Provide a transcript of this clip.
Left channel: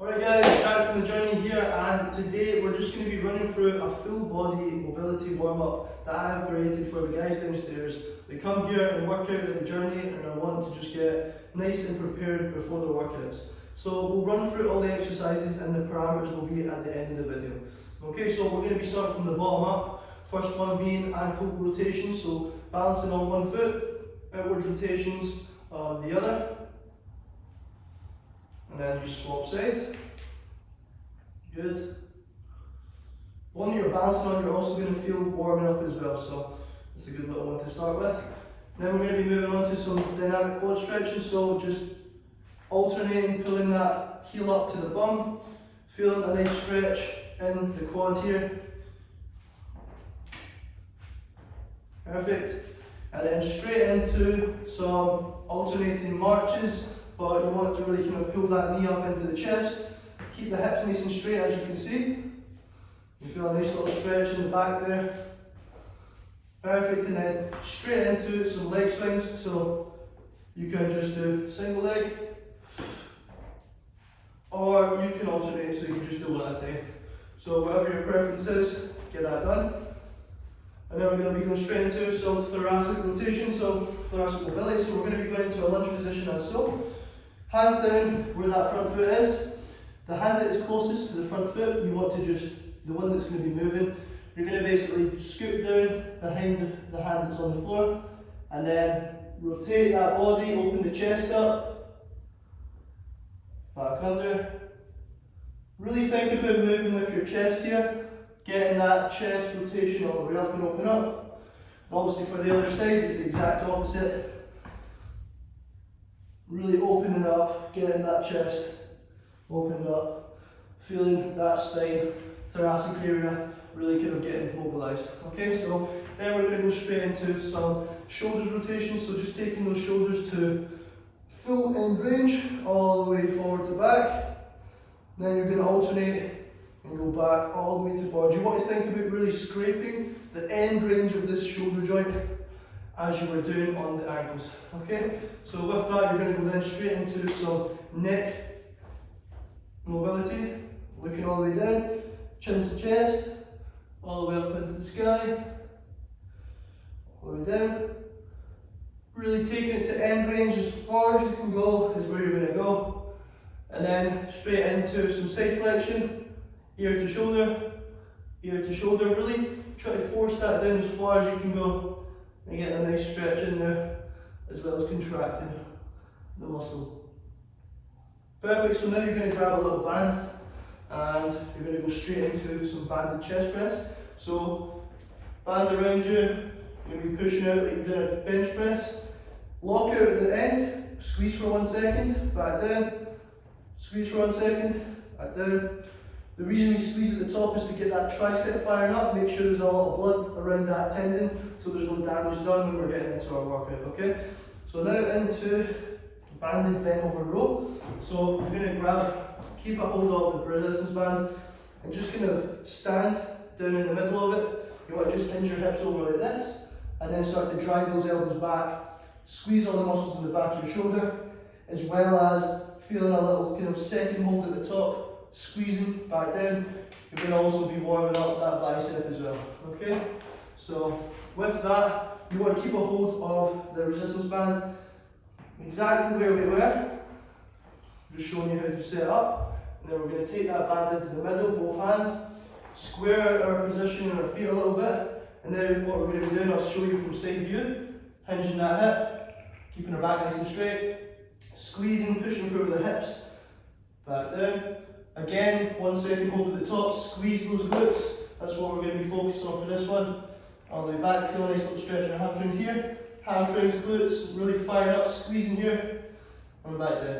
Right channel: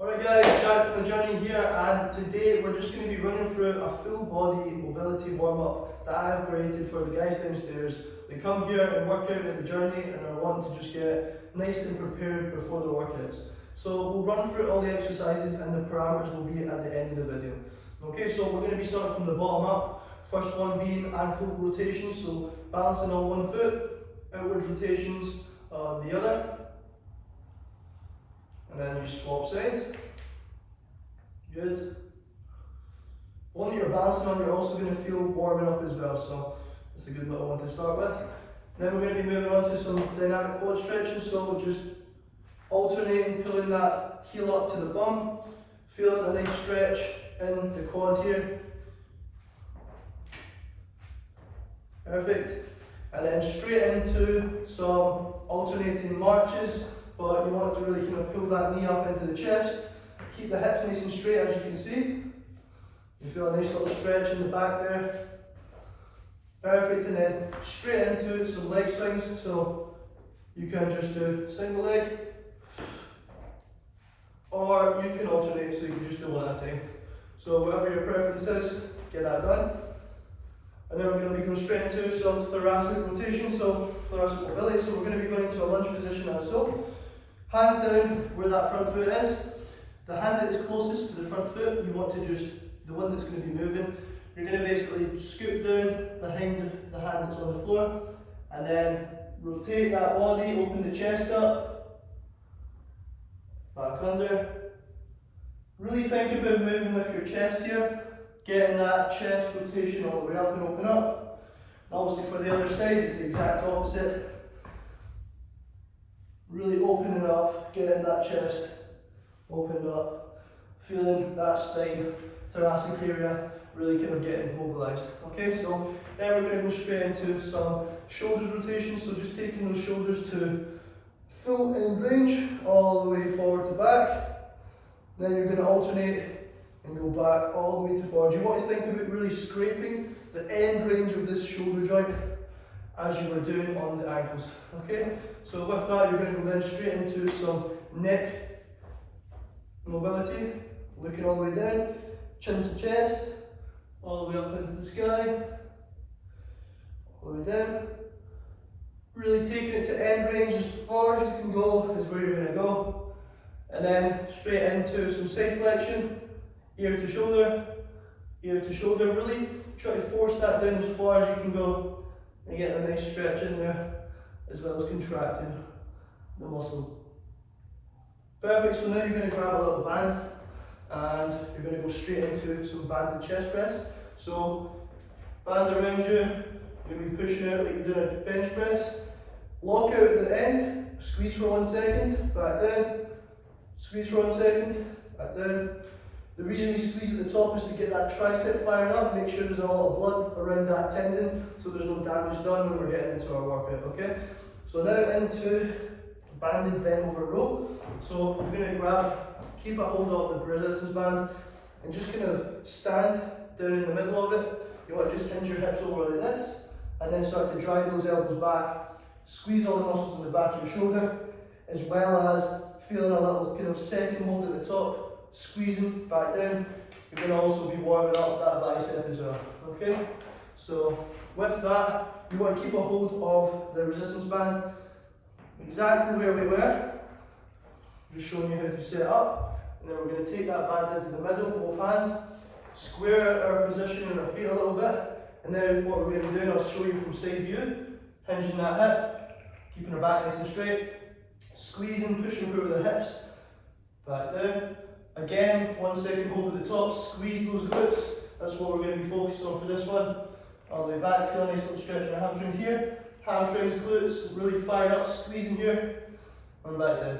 Alright guys, Jack from The Journey here, and today we're just going to be running through a full body mobility warm-up that I have created for the guys downstairs. They come here and work out at The Journey and are wanting to just get nice and prepared before the workouts. So we'll run through all the exercises and the parameters will be at the end of the video. Okay, so we're going to be starting from the bottom up. First one being ankle rotations, so balancing on one foot, outwards rotations on the other. And then you swap sides. Good. The one that you're balancing on, you're also going to feel warming up as well, so it's a good little one to start with. Then we're going to be moving on to some dynamic quad stretching, so just alternating, pulling that heel up to the bum, feeling a nice stretch in the quad here. Perfect. And then straight into some alternating marches, but you want to really kind of pull that knee up into the chest. Keep the hips nice and straight, as you can see. You feel a nice little stretch in the back there. Perfect, and then straight into some leg swings. So you can just do single leg, or you can alternate, so you can just do one at a time. So whatever your preference is, get that done. And then we're going to be going straight into some thoracic rotation, so thoracic mobility. So we're going to be going into a lunge position as so. Hands down where that front foot is. The hand that is closest to the front foot, you want to just, the one that's going to be moving, you're going to basically scoop down behind the hand that's on the floor, and then rotate that body, open the chest up, back under. Really think about moving with your chest here, getting that chest rotation all the way up and open up. And obviously for the other side, it's the exact opposite. Really opening up, getting that chest opened up, feeling that spine, thoracic area, really kind of getting mobilized. Okay, so then we're going to go straight into some shoulders rotations, so just taking those shoulders to full end range, all the way forward to back. Then you're going to alternate and go back all the way to forward. You want to think about really scraping the end range of this shoulder joint as you were doing on the ankles. Okay, so with that you're going to go then straight into some neck mobility, looking all the way down, chin to chest, all the way up into the sky, all the way down. Really taking it to end range as far as you can go is where you're going to go. And then straight into some side flexion, ear to shoulder, really try to force that down as far as you can go and get a nice stretch in there, as well as contracting the muscle. Perfect, so now you're going to grab a little band and you're going to go straight into some banded chest press. So band around you, you're going to be pushing out like you're doing a bench press. Lock out at the end, squeeze for 1 second, back down, squeeze for 1 second, back down. The reason we squeeze at the top is to get that tricep firing up, make sure there's a lot of blood around that tendon so there's no damage done when we're getting into our workout, okay? So now into banded bent over row. So we're going to keep a hold of the resistance band and just kind of stand down in the middle of it. You want to just hinge your hips over like this and then start to drive those elbows back, squeeze all the muscles in the back of your shoulder, as well as feeling a little kind of second hold at the top, squeezing back down. You're going to also be warming up that bicep as well. Okay, so with that, you want to keep a hold of the resistance band exactly where we were. Just showing you how to set up, and then we're going to take that band into the middle, both hands, square our position in our feet a little bit, and then what we're going to be doing, I'll show you from side view, hinging that hip, keeping our back nice and straight, squeezing, pushing through with the hips, back down. Again, 1 second hold at the top, squeeze those glutes, that's what we're going to be focusing on for this one. All the way back, feel a nice little stretch in our hamstrings here, hamstrings, glutes, really firing up, squeezing here, and back down.